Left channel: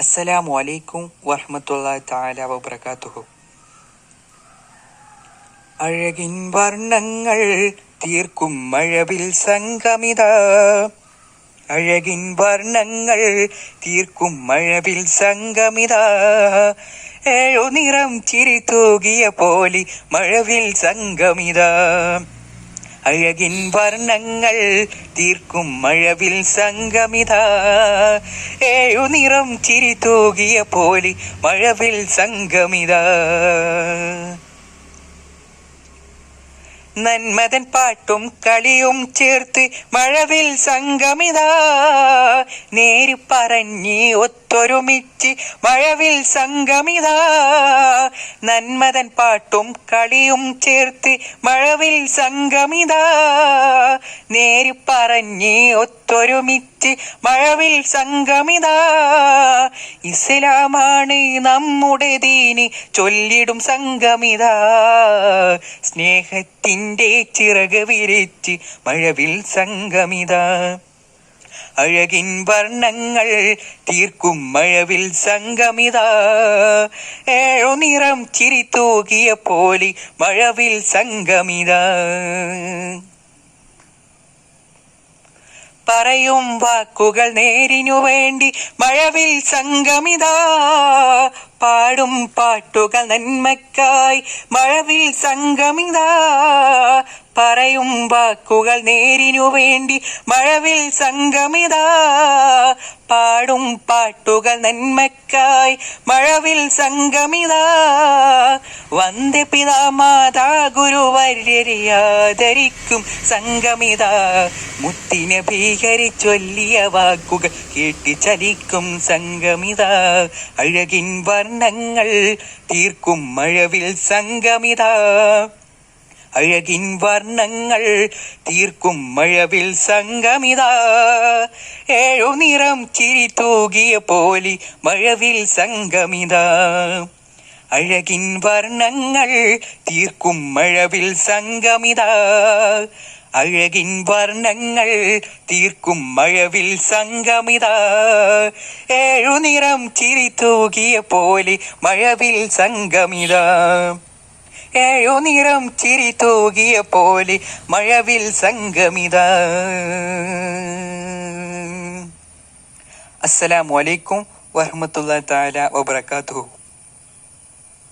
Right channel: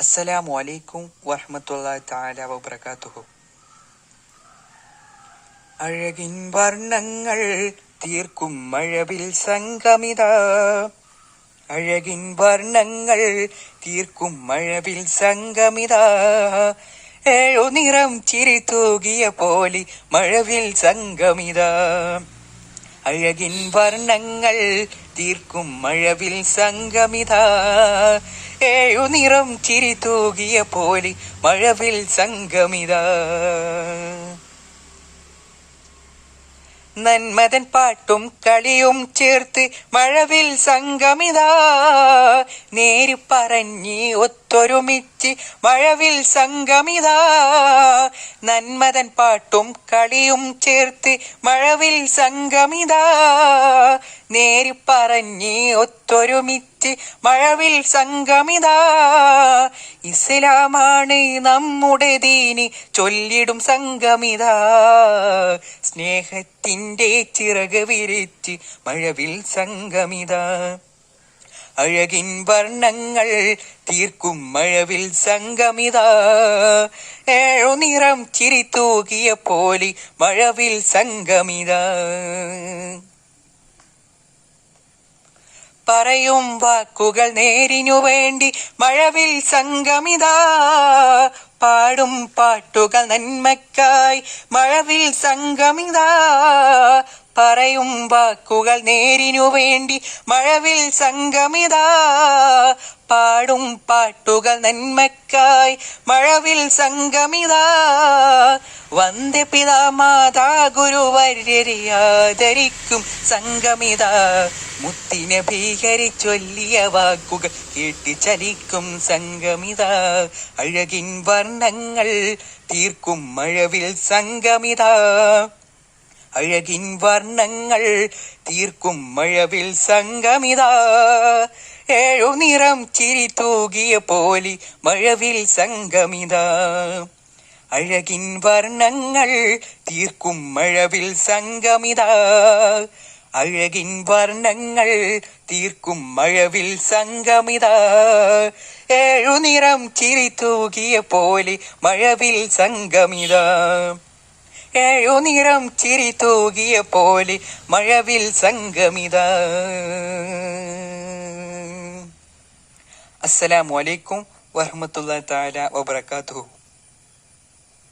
അസ്സലാമു അലൈക്കും വറഹ്മത്തുള്ളാഹി തആല വബറകാതുഹു. അഴകിൻ വർണ്ണങ്ങൾ തീർക്കും മഴവിൽ സംഗമിത. അഴകിൻ വർണ്ണങ്ങൾ തീർക്കും മഴവിൽ സംഗമിത. ഏഴുനിറം ചിരി തൂകിയ പോലെ മഴവിൽ സംഗമിത. അഴകിൻ വർണ്ണങ്ങൾ തീർക്കും മഴവിൽ സംഗമിത. ഏഴുനിറം ചിരി തൂകിയ പോലെ മഴവിൽ സംഗമിത. നന്മതൻ പാട്ടും കളിയും ചേർത്ത് മഴവിൽ സംഗമിത. നേര് പറഞ്ഞ് ഒത്തൊരുമിച്ച് മഴവിൽ സംഗമിത. നന്മതൻ പാട്ടും കളിയും ചേർത്ത് മഴവിൽ സംഗമിത. നേര് പറഞ്ഞ് ഒത്തൊരുമിച്ച് മഴവിൽ സംഗമിത. ഇസ്ലാമാണ് നമ്മുടെ ദീന് ചൊല്ലിടും സംഗമിത. സ്നേഹത്തിൻ്റെ ചിറക് വിരിച്ച് മഴവിൽ സംഗമിത. അഴകിൻ വർണ്ണങ്ങൾ തീർക്കും മഴവിൽ സംഗമിത. ഏഴുനിറം ചിരി തൂകിയ പോലെ മഴവിൽ സംഗമിത. പറയും വാക്കുകൾ നേരിനു വേണ്ടി മഴവിൽ സംഗമിത. പാടും പാട്ടുകൾ നന്മക്കായി മഴവിൽ സംഗമിത. പറയും വാക്കുകൾ നേരിനു വേണ്ടി മഴവിൽ സംഗമിത. പാടും പാട്ടുകൾ നന്മക്കായി മഴവിൽ സംഗമിത. വന്ദേ പിതാമാതാ ഗുരുവര്യരെ ആദരിക്കും സംഗമിത. മുത്തിനെ ഭീകരിച്ചൊല്ലിയ വാക്കുകൾ കേട്ടി ചലിക്കും സംഗമിത. അഴകിൻ വർണ്ണങ്ങൾ തീർക്കും മഴവിൽ സംഗമിത. അഴകിൻ വർണ്ണങ്ങൾ തീർക്കും മഴവിൽ സംഗമിത. ഏഴുനിറം ചിരി തൂകിയ പോലെ മഴവിൽ സംഗമിത. അഴകിൻ വർണ്ണങ്ങൾ തീർക്കും മഴവിൽ സംഗമിത. അഴകിൻ വർണ്ണങ്ങൾ തീർക്കും മഴവിൽ സംഗമിത. ഏഴുനിറം ചിരി തൂകിയ പോലെ മഴവിൽ സംഗമിത. ഏഴുനിറം ചിരി തൂകിയ പോലെ മഴവിൽ സംഗമിത. അസ്സലാമു അലൈക്കും വറഹ്മത്തുള്ളാഹി തആല വബറകാതുഹു.